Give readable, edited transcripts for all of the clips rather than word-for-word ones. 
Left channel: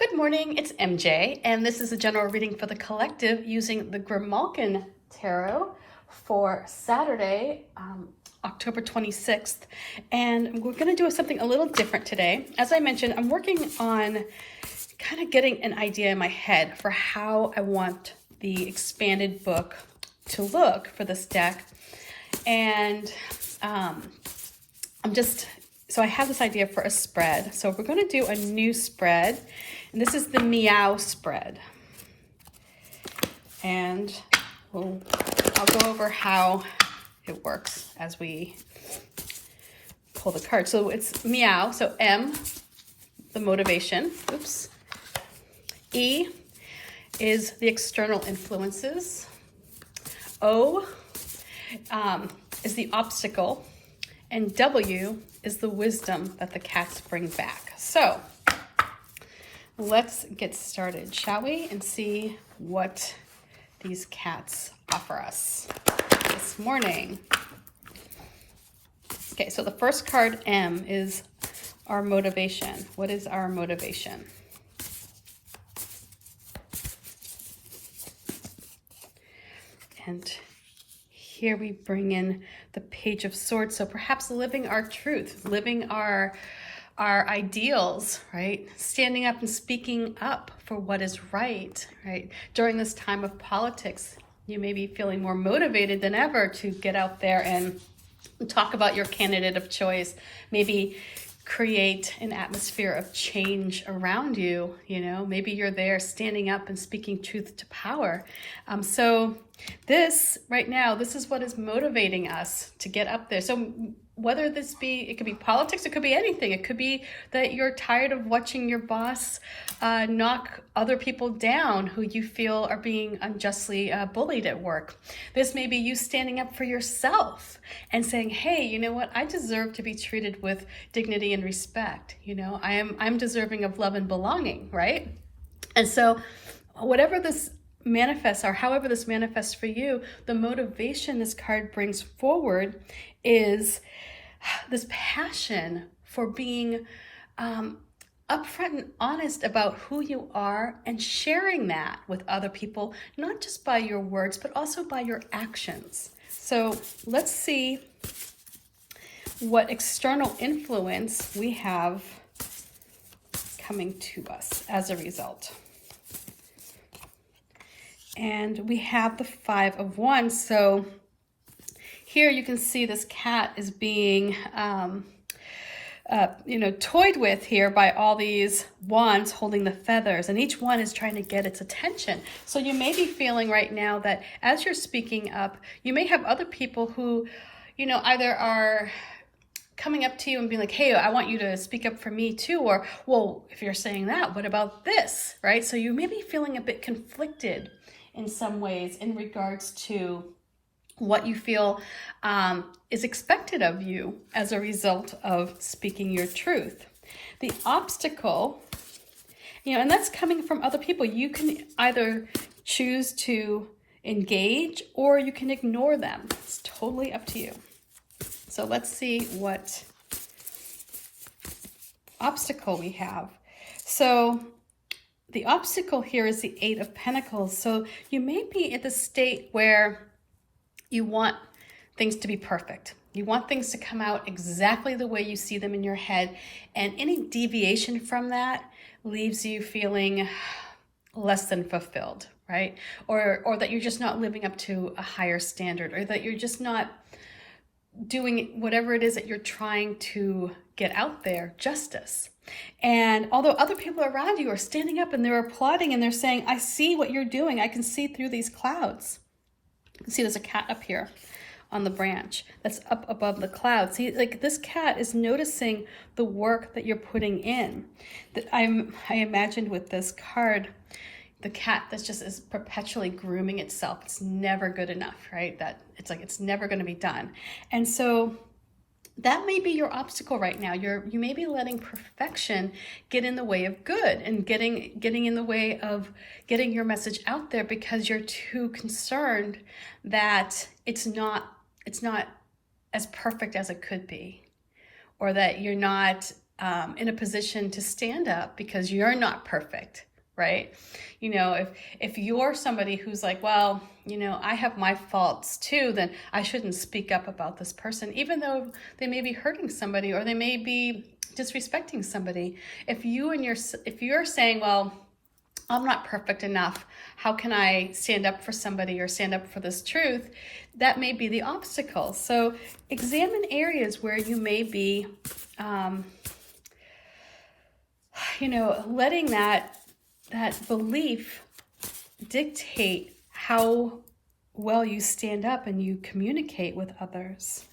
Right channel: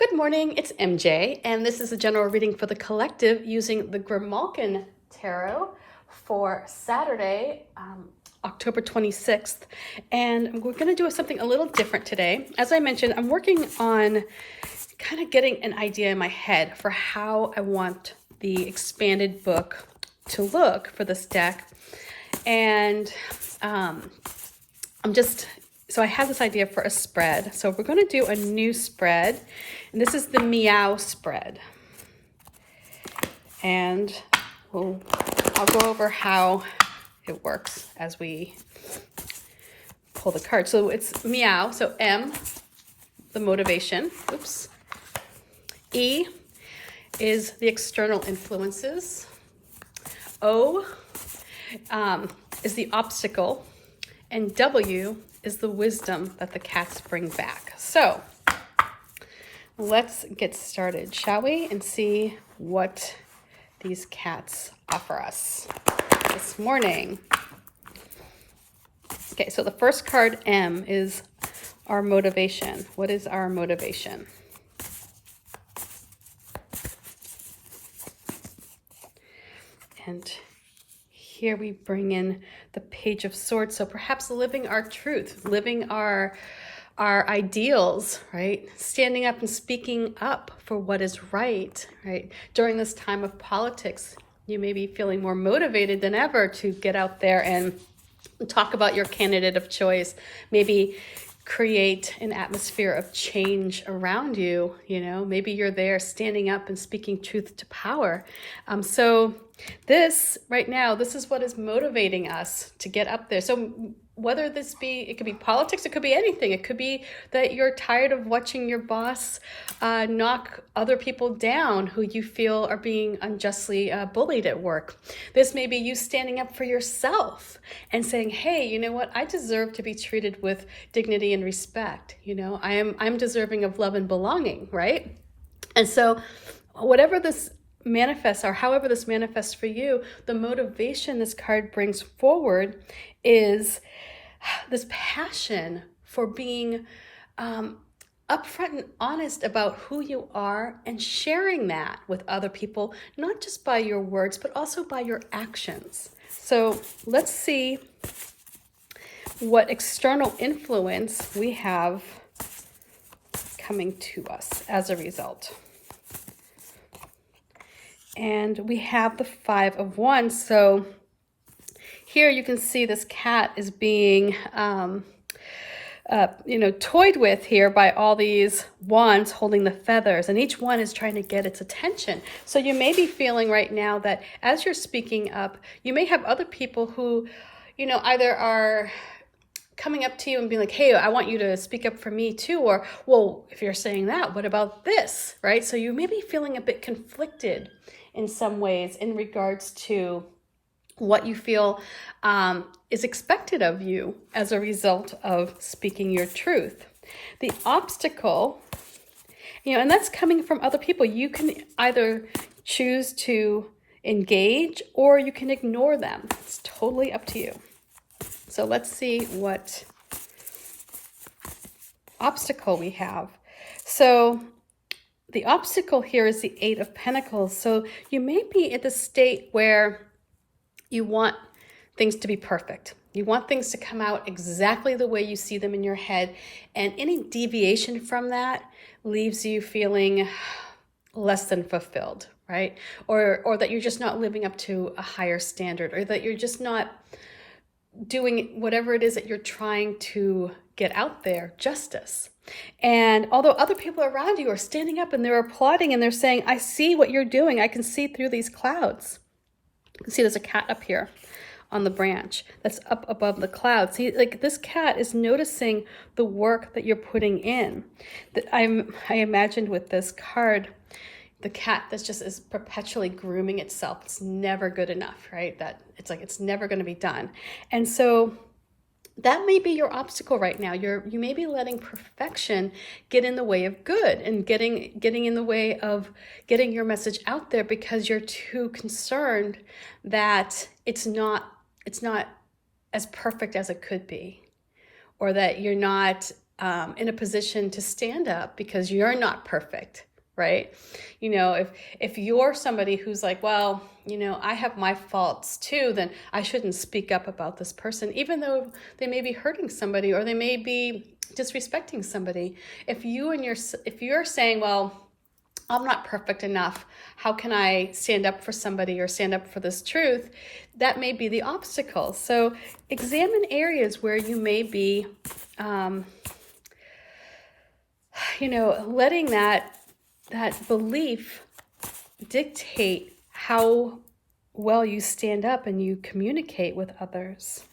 Good morning, it's MJ, and this is a general reading for the collective using the Grimalkin Tarot for Saturday, October 26th. And we're going to do something a little different today. As I mentioned, I'm working on kind of getting an idea in my head for how I want the expanded book to look for this deck. And so I have this idea for a spread. So we're going to do a new spread. And this is the Meow Spread. And I'll go over how it works as we pull the card. So it's Meow, so M, the motivation. Oops. E is the external influences. O is the obstacle. And W is the wisdom that the cats bring back. So let's get started, shall we? And see what these cats offer us this morning. Okay, so the first card, M, is our motivation. What is our motivation? And here we bring in the Page of Swords. So perhaps living our truth, living our ideals, right? Standing up and speaking up for what is right? During this time of politics, you may be feeling more motivated than ever to get out there and talk about your candidate of choice. Maybe create an atmosphere of change around you. Maybe you're there standing up and speaking truth to power. So this right now, this is what is motivating us to get up there. So whether it could be politics, it could be anything. It could be that you're tired of watching your boss knock other people down who you feel are being unjustly bullied at work. This may be you standing up for yourself and saying, hey, you know what? I deserve to be treated with dignity and respect. I'm deserving of love and belonging, right? And so whatever this manifests or however this manifests for you, the motivation this card brings forward is this passion for being upfront and honest about who you are and sharing that with other people, not just by your words, but also by your actions. So let's see what external influence we have coming to us as a result. And we have the Five of Wands. So here you can see this cat is being, toyed with here by all these wands holding the feathers, and each one is trying to get its attention. So you may be feeling right now that as you're speaking up, you may have other people who, either are coming up to you and being like, hey, I want you to speak up for me too. Or, well, if you're saying that, what about this, right? So you may be feeling a bit conflicted in some ways in regards to what you feel is expected of you as a result of speaking your truth. The obstacle, and that's coming from other people. You can either choose to engage or you can ignore them. It's totally up to you. So let's see what obstacle we have. So the obstacle here is the Eight of Pentacles. So you may be at the state where you want things to be perfect. You want things to come out exactly the way you see them in your head. And any deviation from that leaves you feeling less than fulfilled, right? Or that you're just not living up to a higher standard, or that you're just not doing whatever it is that you're trying to get out there justice. And although other people around you are standing up and they're applauding and they're saying, I see what you're doing. I can see through these clouds. You can see there's a cat up here on the branch that's up above the clouds. See, like this cat is noticing the work that you're putting in. That I imagined with this card, the cat that just is perpetually grooming itself. It's never good enough, right? That it's like it's never going to be done. And so that may be your obstacle right now. You may be letting perfection get in the way of good and getting in the way of getting your message out there because you're too concerned that it's not as perfect as it could be, or that you're not in a position to stand up because you're not perfect, right? You know, if you're somebody who's like, well, you know, I have my faults too, then I shouldn't speak up about this person, even though they may be hurting somebody or they may be disrespecting somebody. If you're saying, well, I'm not perfect enough, how can I stand up for somebody or stand up for this truth? That may be the obstacle. So examine areas where you may be, you know, letting that belief dictate how well you stand up and you communicate with others.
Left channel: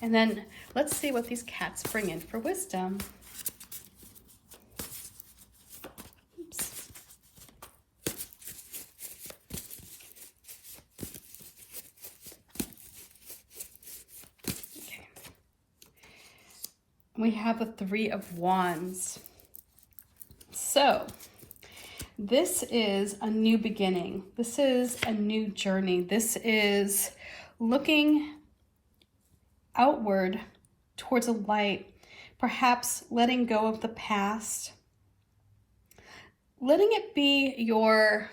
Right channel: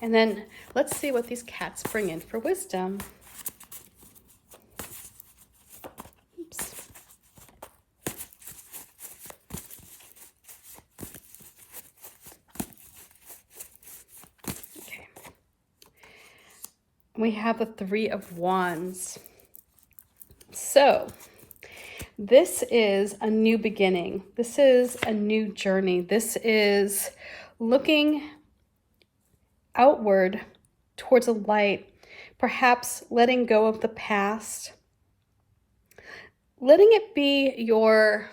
And then let's see what these cats bring in for wisdom. Oops. Okay. We have the Three of Wands. So this is a new beginning. This is a new journey. This is looking outward towards a light, perhaps letting go of the past, letting it be your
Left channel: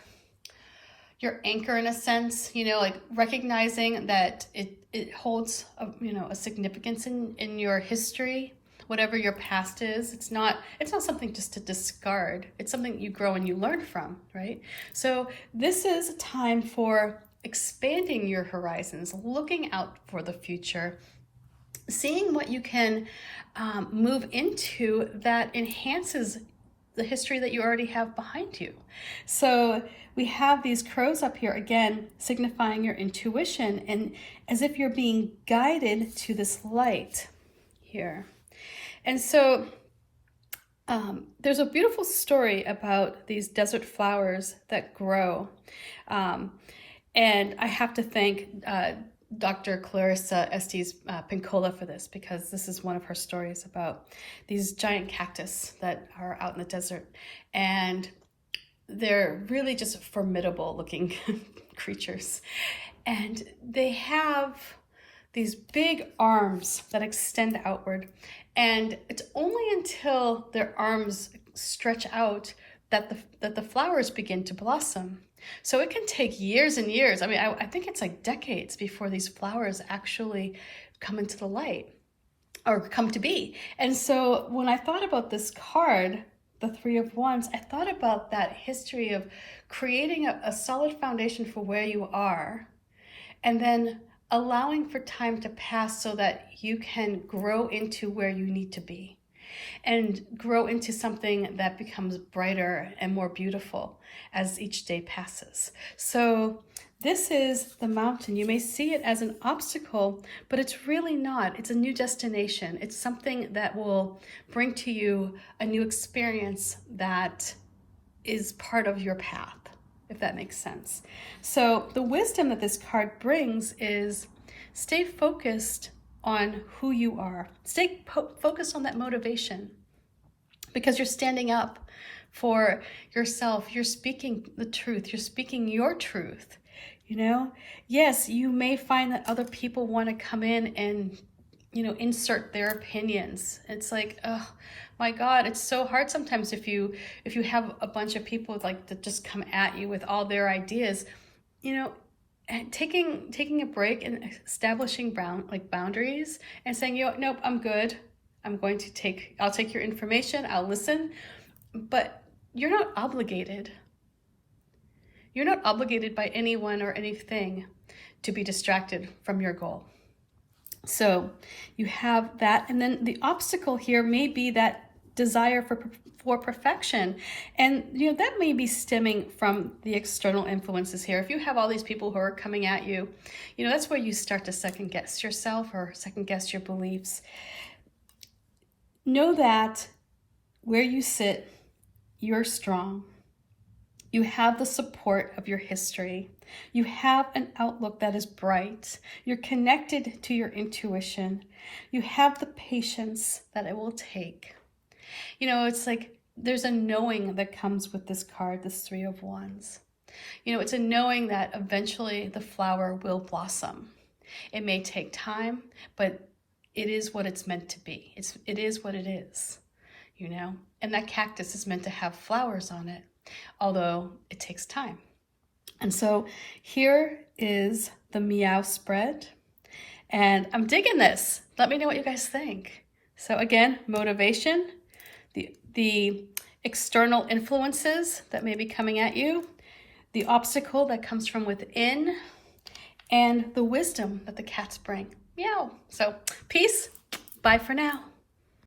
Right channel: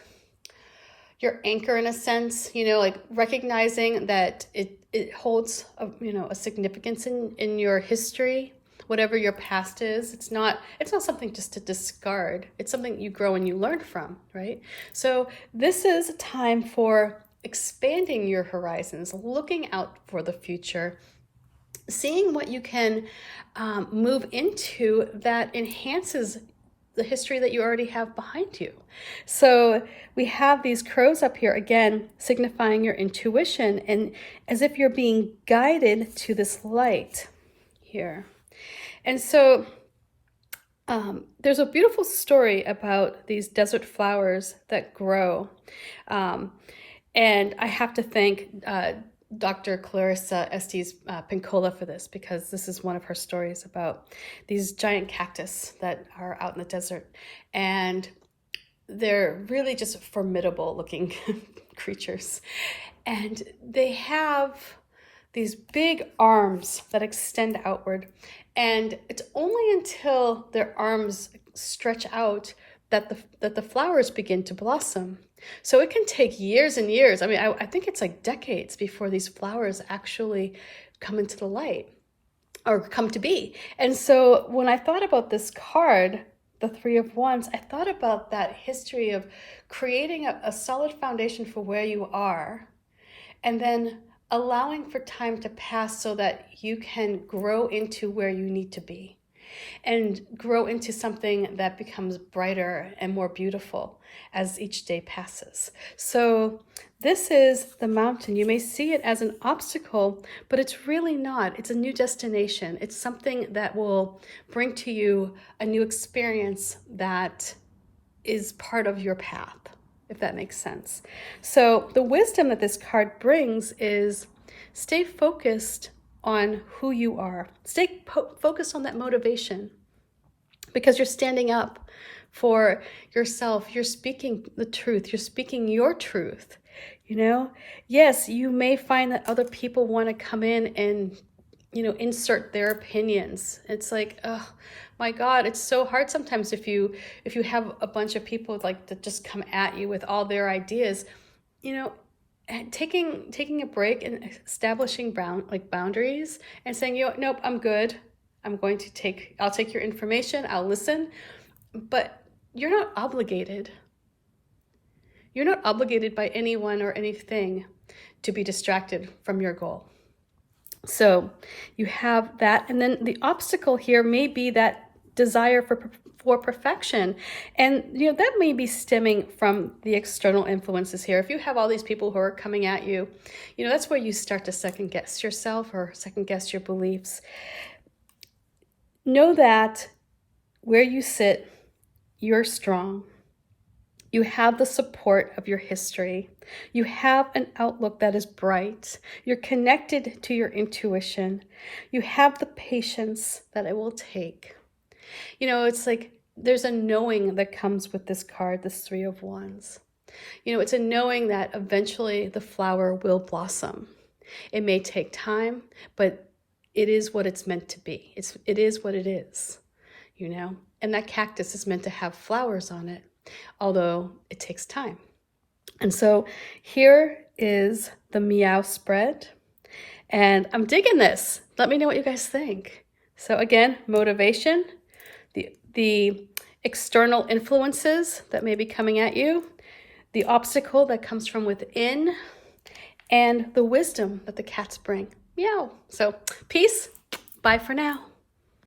anchor in a sense, you know, like recognizing that it holds a significance in your history. Whatever your past is, it's not something just to discard. It's something you grow and you learn from, right? So this is a time for expanding your horizons, looking out for the future, seeing what you can move into that enhances the history that you already have behind you. So we have these crows up here, again, signifying your intuition and as if you're being guided to this light here. And so there's a beautiful story about these desert flowers that grow. And I have to thank Dr. Clarissa Estes Pincola for this, because this is one of her stories about these giant cactus that are out in the desert. And they're really just formidable looking creatures. And they have these big arms that extend outward. And it's only until their arms stretch out that the flowers begin to blossom. So it can take years and years. I mean, I think it's like decades before these flowers actually come into the light or come to be. And so when I thought about this card, the Three of Wands, I thought about that history of creating a solid foundation for where you are, and then allowing for time to pass so that you can grow into where you need to be and grow into something that becomes brighter and more beautiful as each day passes. So this is the mountain. You may see it as an obstacle, but it's really not. It's a new destination. It's something that will bring to you a new experience that is part of your path, if that makes sense. So the wisdom that this card brings is stay focused on who you are. Stay focused on that motivation, because you're standing up for yourself. You're speaking the truth. You're speaking your truth. You know, yes, you may find that other people want to come in and, you know, insert their opinions. It's like, oh my God, it's so hard sometimes if you have a bunch of people like that just come at you with all their ideas, you know, and taking a break and establishing boundaries and saying, you know, nope, I'm good. I'll take your information. I'll listen, but you're not obligated. You're not obligated by anyone or anything to be distracted from your goal. So you have that. And then the obstacle here may be that desire for perfection. And, you know, that may be stemming from the external influences here. If you have all these people who are coming at you, you know, that's where you start to second guess yourself or second guess your beliefs. Know that where you sit, you're strong. You have the support of your history. You have an outlook that is bright. You're connected to your intuition. You have the patience that it will take. You know, it's like there's a knowing that comes with this card, this Three of Wands. You know, it's a knowing that eventually the flower will blossom. It may take time, but it is what it's meant to be. It is what it is, you know? And that cactus is meant to have flowers on it, although it takes time. And so here is the Meow Spread. And I'm digging this. Let me know what you guys think. So again, motivation, the external influences that may be coming at you, the obstacle that comes from within, and the wisdom that the cats bring. Meow. So peace. Bye for now.